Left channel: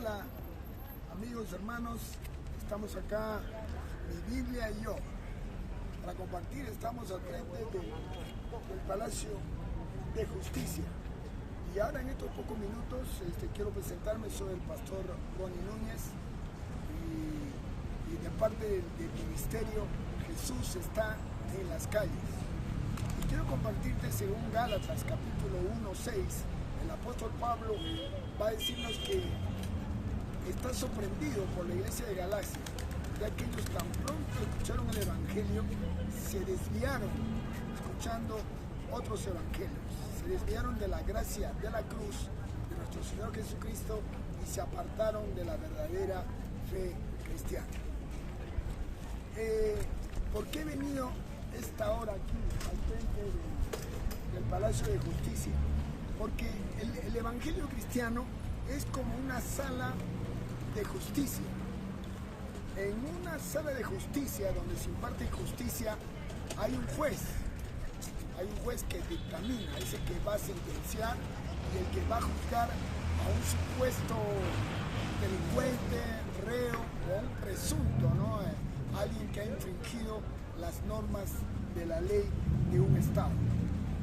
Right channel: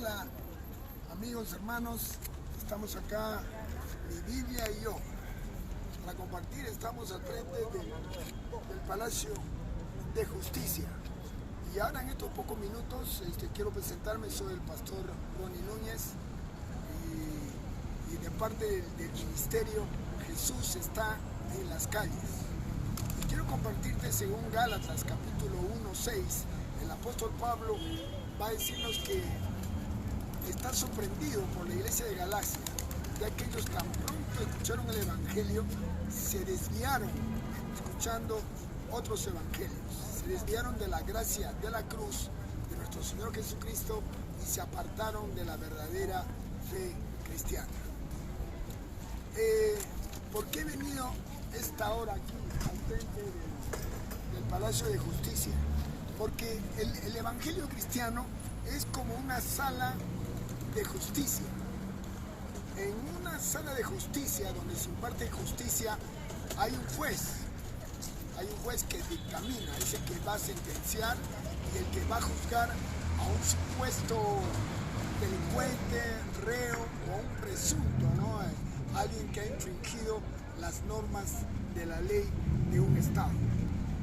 Hola amigos, hermanos, estamos acá, mi Biblia y yo, para compartir. Estamos al frente del Palacio de Justicia. Y ahora en estos pocos minutos quiero presentarme. Soy el pastor Ronnie Núñez y de parte del ministerio Jesús está en las calles. Y quiero compartirte según Gálatas capítulo 1:6, el apóstol Pablo va a decirnos que está sorprendido por la iglesia de Galacia, ya que ellos tan pronto escucharon el evangelio, se desviaron escuchando otros evangelios, se desviaron de la gracia de la cruz de nuestro Señor Jesucristo y se apartaron de la verdadera fe cristiana. ¿Por qué he venido esta hora aquí al frente del Palacio de Justicia? Porque el evangelio cristiano es como una sala de justicia. En una sala de justicia donde se imparte justicia hay un juez que dictamina, es el que va a sentenciar y el que va a juzgar a un supuesto delincuente, reo o un presunto, ¿no? Alguien que ha infringido las normas de la ley de un estado.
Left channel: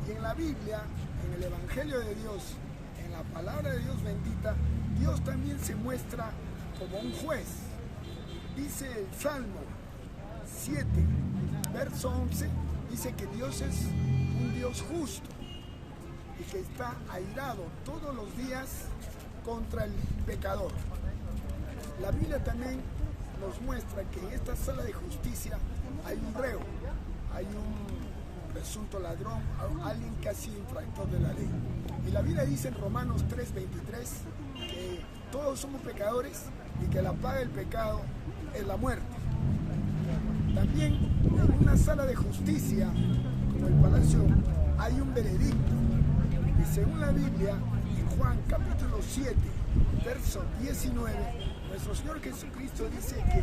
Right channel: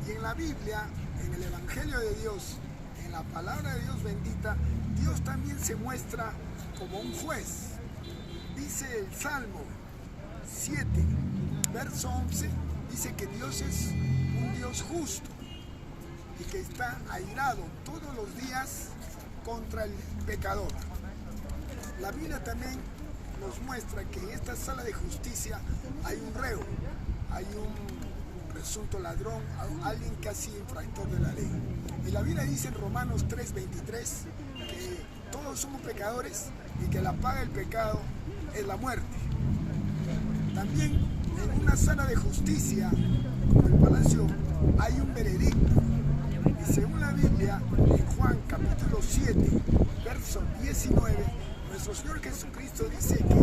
Y en la Biblia, en el Evangelio de Dios, en la palabra de Dios bendita, Dios también se muestra como un juez. Dice el Salmo 7, verso 11, dice que Dios es un Dios justo y que está airado todos los días contra el pecador. La Biblia también nos muestra que en esta sala de justicia hay un reo, hay un presunto ladrón, alguien que ha sido infractor de la ley. Y la Biblia dice en Romanos 3:23 que todos somos pecadores y que la paga del pecado es la muerte. También en una sala de justicia, como el palacio, hay un veredicto. Y según la Biblia, en Juan capítulo 7, verso 19, nuestro Señor Jesucristo dice que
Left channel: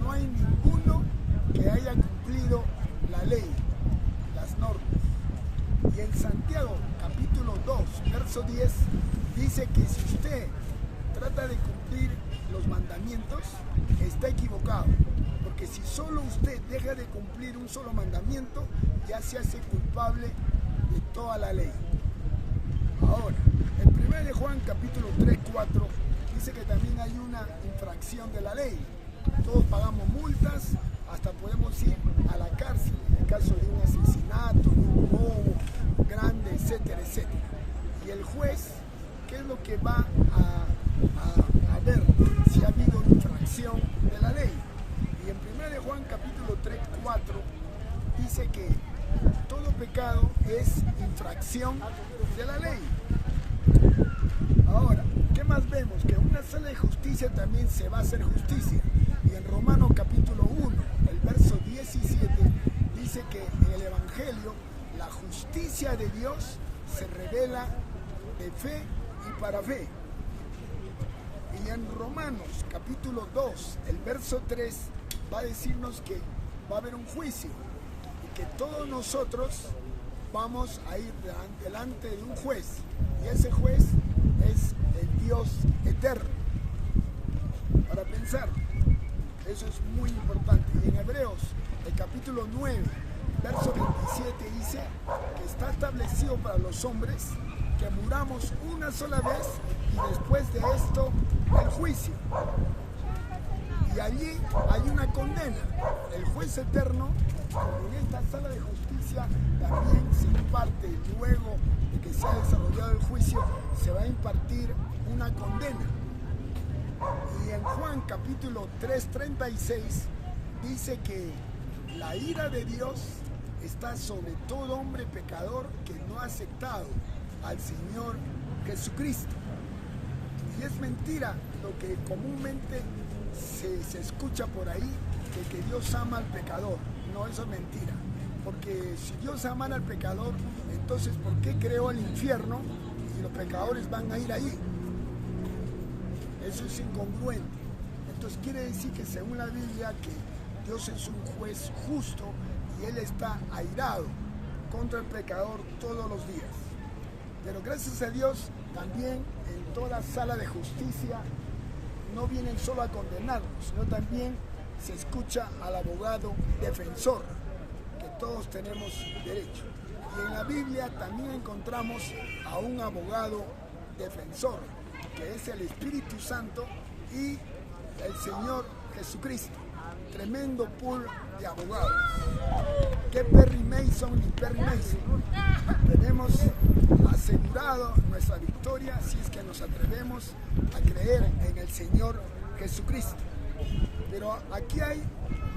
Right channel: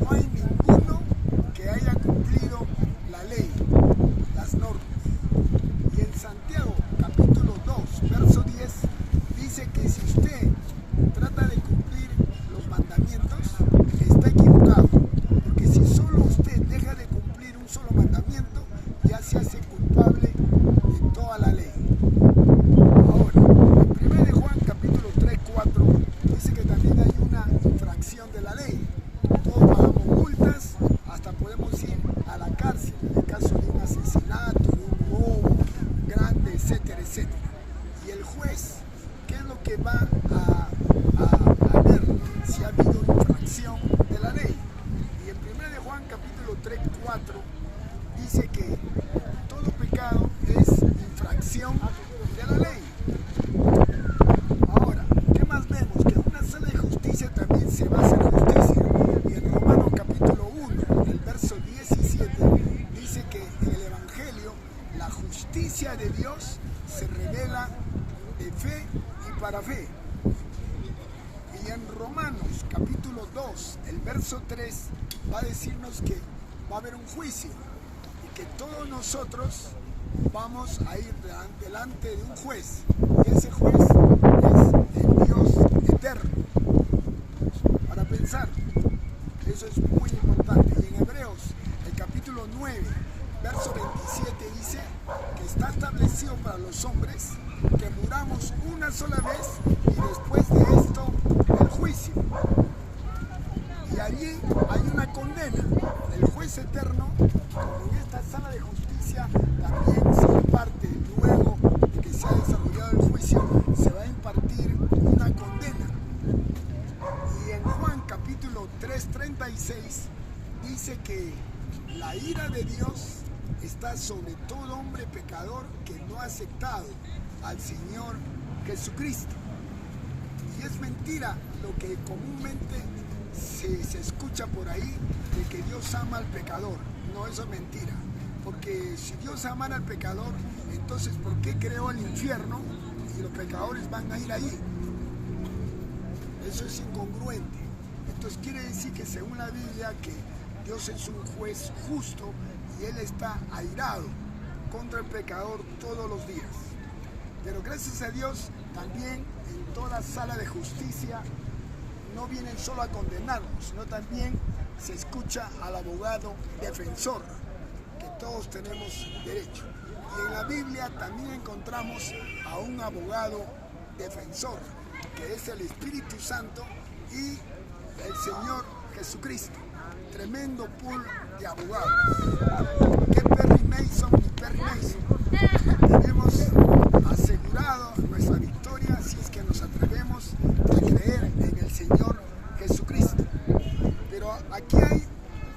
no hay ninguno que haya cumplido la ley, las normas. Y en Santiago capítulo 2, verso 10, dice que si usted trata de cumplir los mandamientos, está equivocado. Porque si solo usted deja de cumplir un solo mandamiento, ya se hace culpable de toda la ley. Ahora, en 1 de Juan capítulo 3:4 dice que también hay una infracción de la ley. Todos pagamos multas, hasta podemos ir a la cárcel en el caso de un asesinato, de un robo grande, etcétera, etcétera. Y el juez, ¿qué es lo que va a ver si ha habido una infracción de la ley? Y en 1 de Juan capítulo 3:4 dice que todo pecado es infracción de la ley. Ahora, ¿qué más vemos? Que en una sala de justicia también se va a hacer justicia. Y en Romanos capítulo 1, el verso 17, dice que en el Evangelio la justicia de Dios se revela de fe y para fe. Y en Romanos capítulo 2, el verso 3, va a decirnos que va a haber un juicio y que todos nosotros vamos a ir delante de un juez, y ese juez es el Dios eterno. Para pensar, eso es muy importante. Y en Hebreos, el capítulo 9, verso 27 dice que está establecido para los hombres que muramos una sola vez y después de esto el juicio. Y allí hay una condena. El juez eterno, en esta sala de justicia, también se imparte, luego de que se ha desarrollado el juicio, se va a impartir una condena. Y en Juan capítulo 3:36 dice que la ira de Dios está sobre todo hombre pecador que no ha aceptado al Señor Jesucristo. Y es mentira lo que comúnmente se escucha por ahí, de que Dios ama al pecador. No, eso es mentira. Porque si Dios amara al pecador, entonces ¿por qué creó el infierno y los pecadores van a ir ahí? Eso es incongruente. Entonces quiere decir que según la Biblia que Dios es un juez justo y Él está airado contra el pecador todos los días. Pero gracias a Dios, también en toda sala de justicia no vienen solo a condenarnos, sino también se escucha al abogado defensor, que todos tenemos derecho. Y en la Biblia también encontramos a un abogado defensor, que es el Espíritu Santo y el Señor Jesucristo. Tremendo pool de abogados. ¿Qué Perry Mason y Perry Mason? Tenemos asegurado nuestra victoria si es que nos atrevemos a creer en el Señor Jesucristo. Pero aquí hay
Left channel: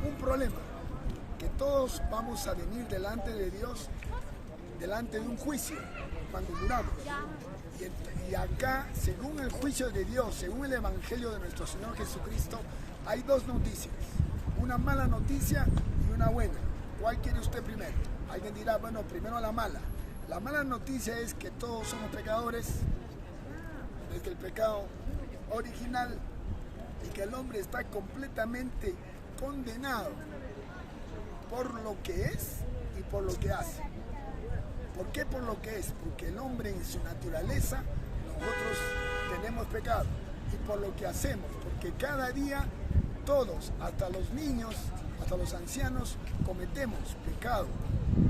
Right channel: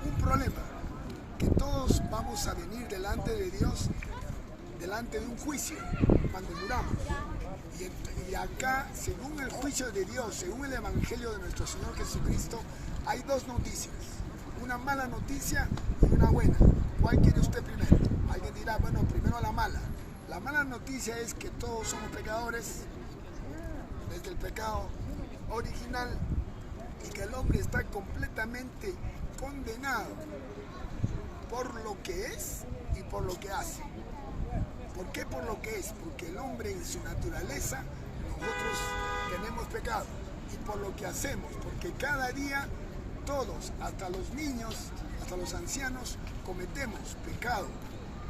un problema, que todos vamos a venir delante de Dios, delante de un juicio, cuando muramos. Y acá, según el juicio de Dios, según el Evangelio de nuestro Señor Jesucristo, hay dos noticias. Una mala noticia y una buena. ¿Cuál quiere usted primero? Alguien dirá, bueno, primero la mala. La mala noticia es que todos somos pecadores, desde el pecado original, y que el hombre está completamente condenado por lo que es y por lo que hace. ¿Por qué por lo que es? Porque el hombre en su naturaleza, nosotros tenemos pecado. Y por lo que hacemos, porque cada día todos, hasta los niños, hasta los ancianos, cometemos pecado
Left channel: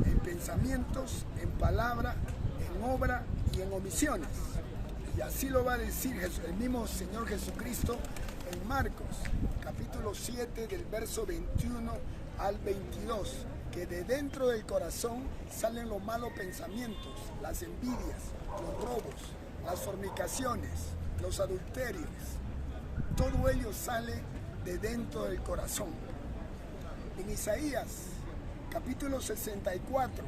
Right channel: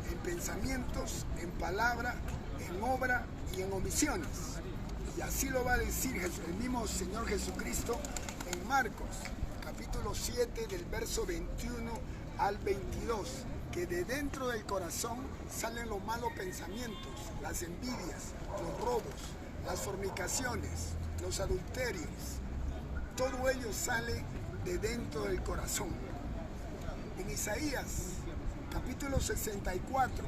en pensamientos, en palabra, en obra y en omisiones. Y así lo va a decir el mismo Señor Jesucristo en Marcos, capítulo 7, del verso 21 al 22, que de dentro del corazón salen los malos pensamientos, las envidias, los robos, las fornicaciones, los adulterios. Todo ello sale de dentro del corazón. En Isaías, capítulo 64,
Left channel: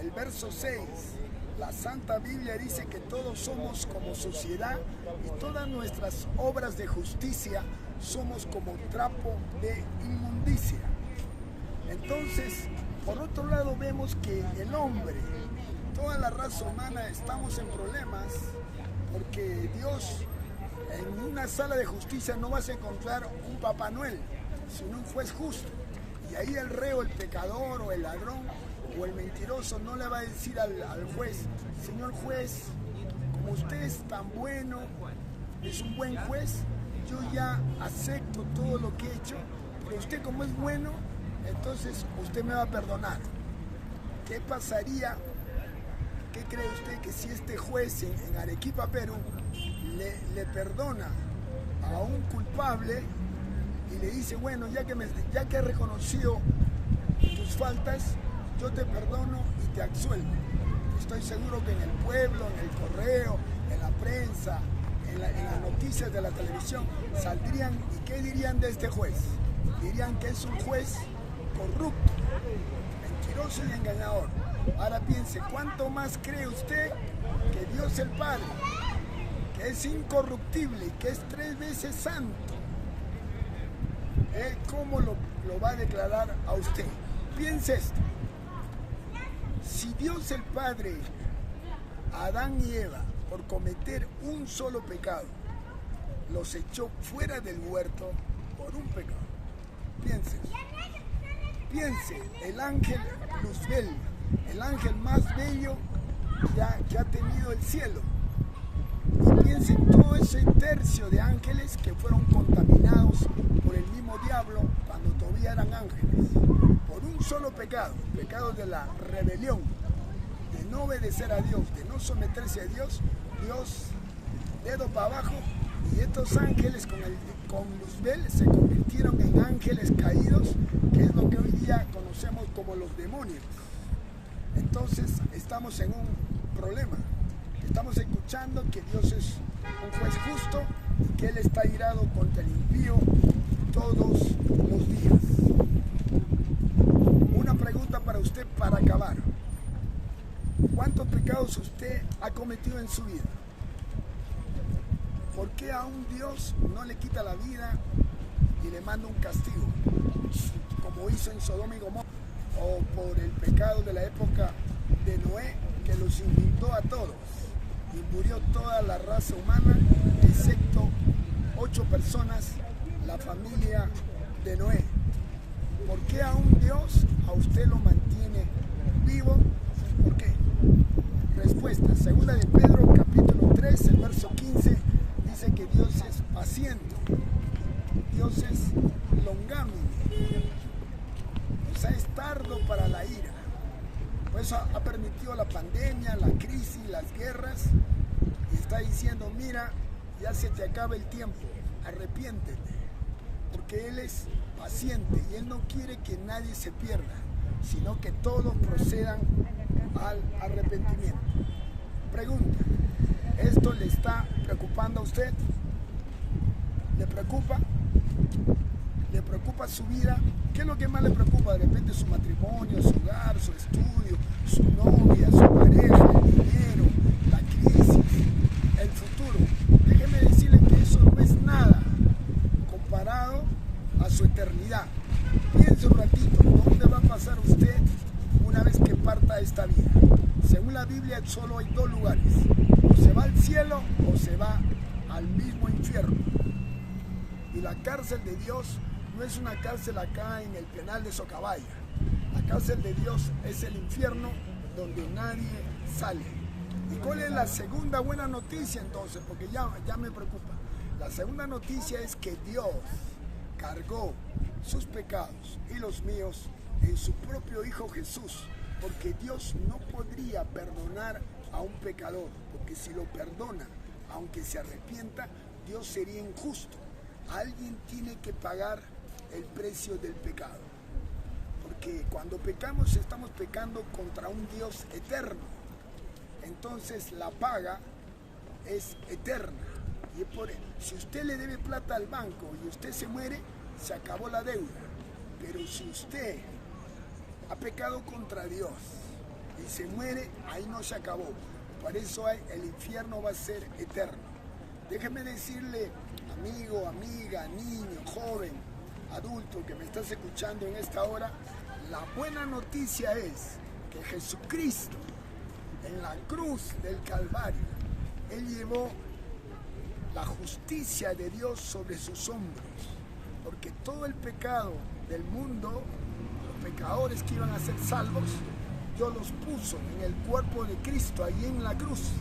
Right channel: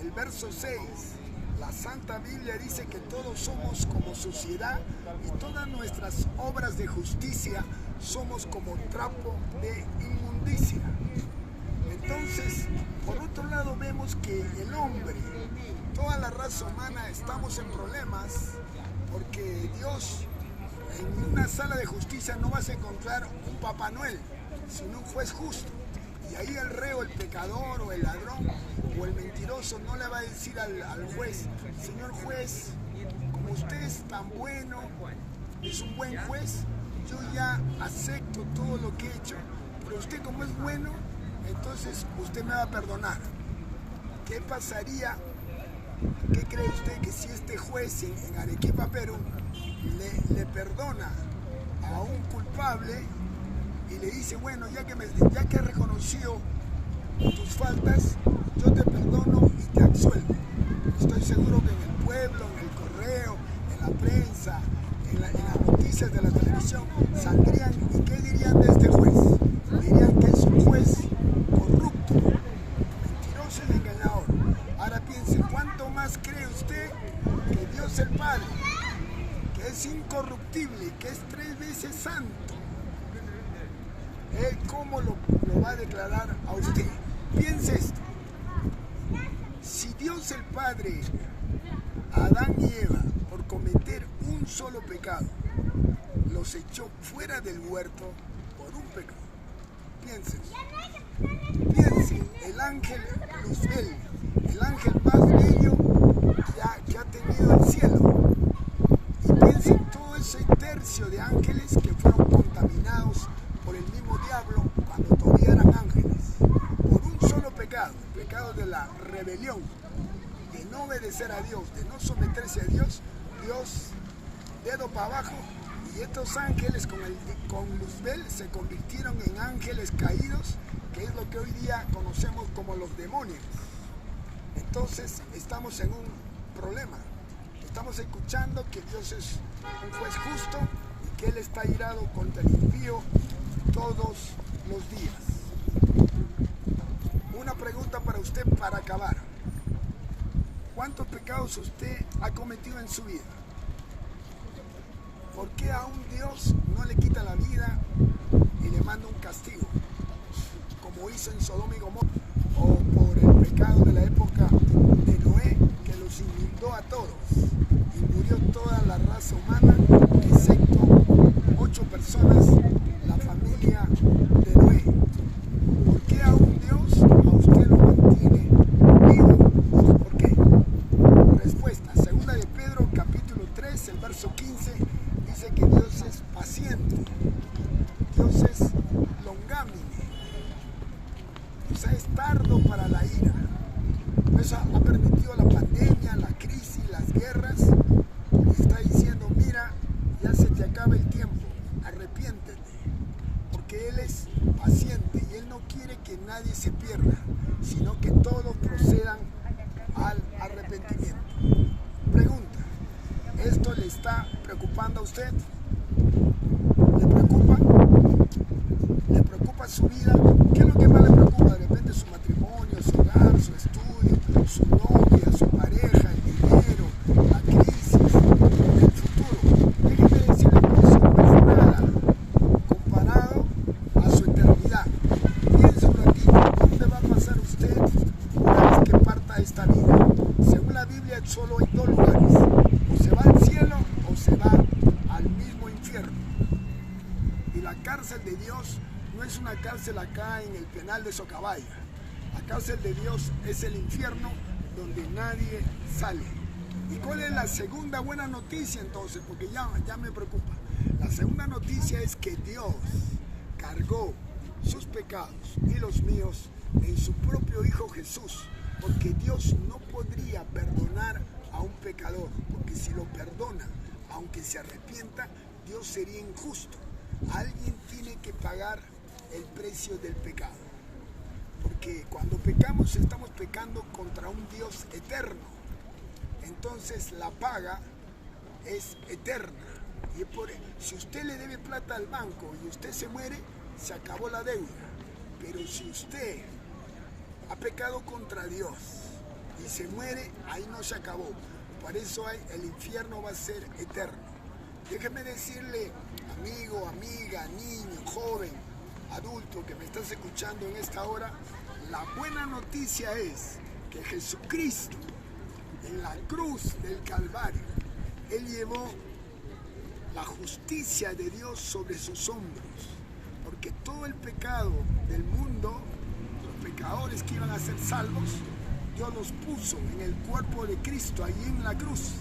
el verso 6, la Santa Biblia dice que todos somos como suciedad y todas nuestras obras de justicia somos como trapo de inmundicia. Entonces, por otro lado, vemos que el hombre, toda la raza humana, estamos en problemas porque Dios, en una sala de justicia no vas a encontrar un Papá Noel, sino un juez justo. Y ahí el reo, el pecador o el ladrón o el mentiroso no le va a decir al juez, señor juez, como usted es tan bueno, es un buen juez, yo ya acepto todo lo que he hecho, pero usted como es bueno, entonces usted me va a perdonar. ¿Qué pasaría? ¿Qué cree usted que si este juez en Arequipa, Perú, le perdona a un culpable y le dice, bueno, ya que he reconocido tus faltas, yo te perdono y te absuelvo? Estoy seguro que en el pueblo, en el correo, en la prensa, en las noticias de la televisión, saldrían, ¿y qué dirían de este juez? Dirían que es un juez corrupto, mentiroso y engañador. Ahora piense, ¿cuánto más cree usted que Dios el Padre, que es incorruptible, que es 3 veces santo? Él cómo lo va a declarar a usted. Piense esto. Si Dios el Padre, a Adán y Eva, por cometer un solo pecado, los echó fuera del huerto por un pecado. Piense, el ángel Luzbel, el ángel más bello que ha tenido el cielo. Y piense en todo ese tercio de ángeles que fueron contaminados por el mismo diablo cuando todavía eran ángeles. Por un solo pecado, el pecado de la rebelión, de no obedecer a Dios, de no someterse a Dios, Dios dedo para abajo. Y estos ángeles con Luzbel se convirtieron en ángeles caídos, que es lo que hoy día conocemos como los demonios. Entonces estamos en un problema. Estamos escuchando que Dios es un juez justo y que Él está irado contra el impío todos los días. Una pregunta para usted para acabar. ¿Cuántos pecados usted ha cometido en su vida? ¿Por qué a un Dios no le quita la vida y le manda un castigo? Como hizo en Sodoma y Gomorra, o por el pecado de la época de Noé, que los inundó a todos y murió toda la raza humana, excepto 8 personas, la familia de Noé. ¿Por qué a un Dios a usted lo mantiene vivo? ¿Por qué? Respuesta, segunda de Pedro 3, el verso 15, dice que Dios es paciente, Dios es longánime, o sea, es tardo para la ira. Por eso ha permitido la pandemia, la crisis, las guerras, y está diciendo, mira, ya se te acaba el tiempo, arrepiéntete, porque Él es paciente y Él no quiere que nadie se pierda, sino que todos procedan al arrepentimiento. Pregunta, ¿esto le está preocupando a usted? ¿Le preocupa? ¿Le preocupa su vida? ¿Qué es lo que más le preocupa? De repente su matrimonio, su hogar, su estudio, su novia, su pareja, el dinero, la crisis, el futuro. Déjeme decirle que eso no es nada comparado a su eternidad. Piensa un ratito, ¿dónde va a pasar usted una vez que parta esta vida? Según la Biblia solo hay dos lugares, o se va al cielo o se va al mismo infierno. Y la cárcel de Dios no es una cárcel acá en el penal de Socabaya. La cárcel de Dios es el infierno donde nadie sale. ¿Y cuál es la segunda buena noticia entonces? Porque ya me preocupa. La segunda noticia es que Dios cargó sus pecados y los míos en su propio Hijo Jesús, porque Dios no podría perdonar a un pecador, porque si lo perdona, aunque se arrepienta, Dios sería injusto. Alguien tiene que pagar el precio del pecado, porque cuando pecamos estamos pecando contra un Dios eterno, entonces la paga es eterna. Y si usted le debe plata al banco y usted se muere, se acabó la deuda. Pero si usted ha pecado contra Dios y se muere, ahí no se acabó. Por eso el infierno va a ser eterno. Déjeme decirle, amigo, amiga, niño, joven, adulto que me estás escuchando en esta hora, la buena noticia es que Jesucristo en la cruz del Calvario, Él llevó la justicia de Dios sobre sus hombros, porque todo el pecado del mundo, los pecadores que iban a ser salvos, Dios los puso en el cuerpo de Cristo allí en la cruz,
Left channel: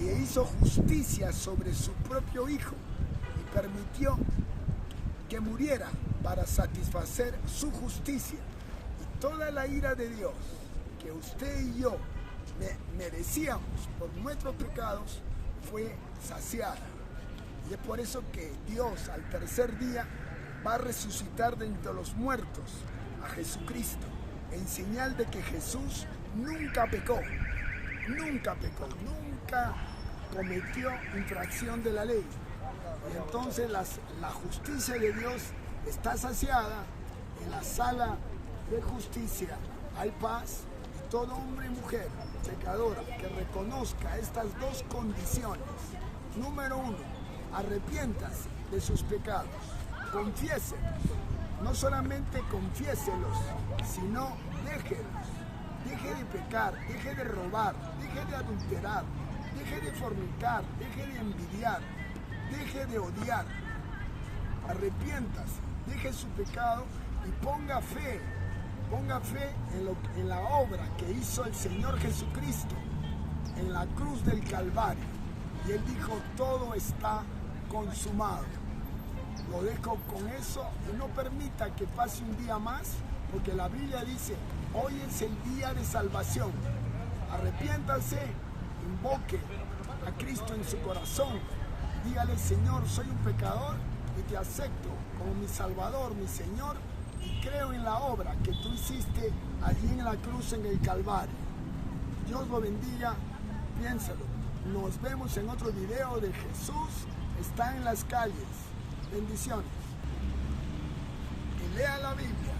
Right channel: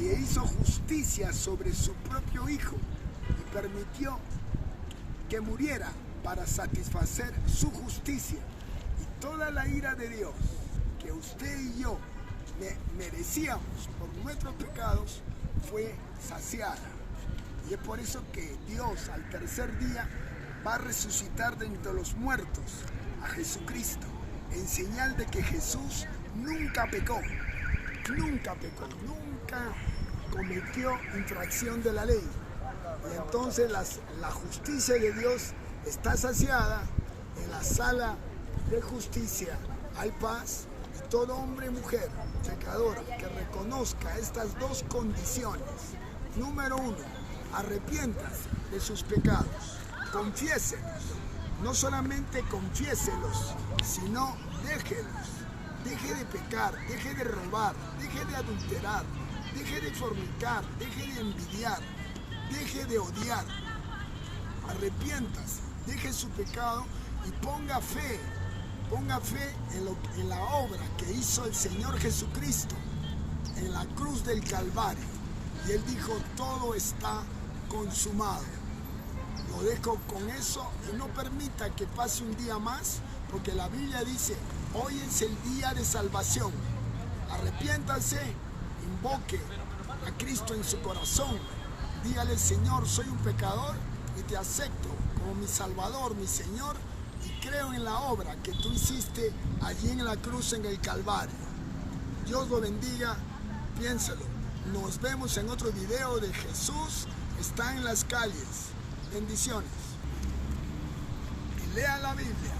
y hizo justicia sobre su propio Hijo y permitió que muriera para satisfacer su justicia, y toda la ira de Dios que usted y yo merecíamos por nuestros pecados fue saciada. Y es por eso que Dios al tercer día va a resucitar de entre los muertos a Jesucristo, en señal de que Jesús nunca pecó, nunca cometió infracción de la ley. Y entonces la justicia de Dios está saciada. En la sala de justicia hay paz, y todo hombre y mujer pecador que reconozca estas dos condiciones: número uno, arrepiéntase de sus pecados, confiéselos, no solamente confiéselos, sino déjelos, deje de pecar, deje de robar, deje de adulterar, deje de fornicar, deje de envidiar, deje de odiar, arrepiéntase, deje su pecado y ponga fe en la obra que hizo el Señor Jesucristo en la cruz del Calvario. Y Él dijo, todo está consumado. Lo dejo con eso y no permita que pase un día más, porque la Biblia dice, hoy es el día de salvación. Arrepiéntase, invoque a Cristo en su corazón. Dígale, Señor, soy un pecador y te acepto como mi Salvador, mi Señor, y creo en la obra que tú hiciste allí en la cruz en el Calvario. Dios lo bendiga, piénselo. Nos vemos en otro video de Jesús está en las calles. Bendiciones. Y lea la Biblia.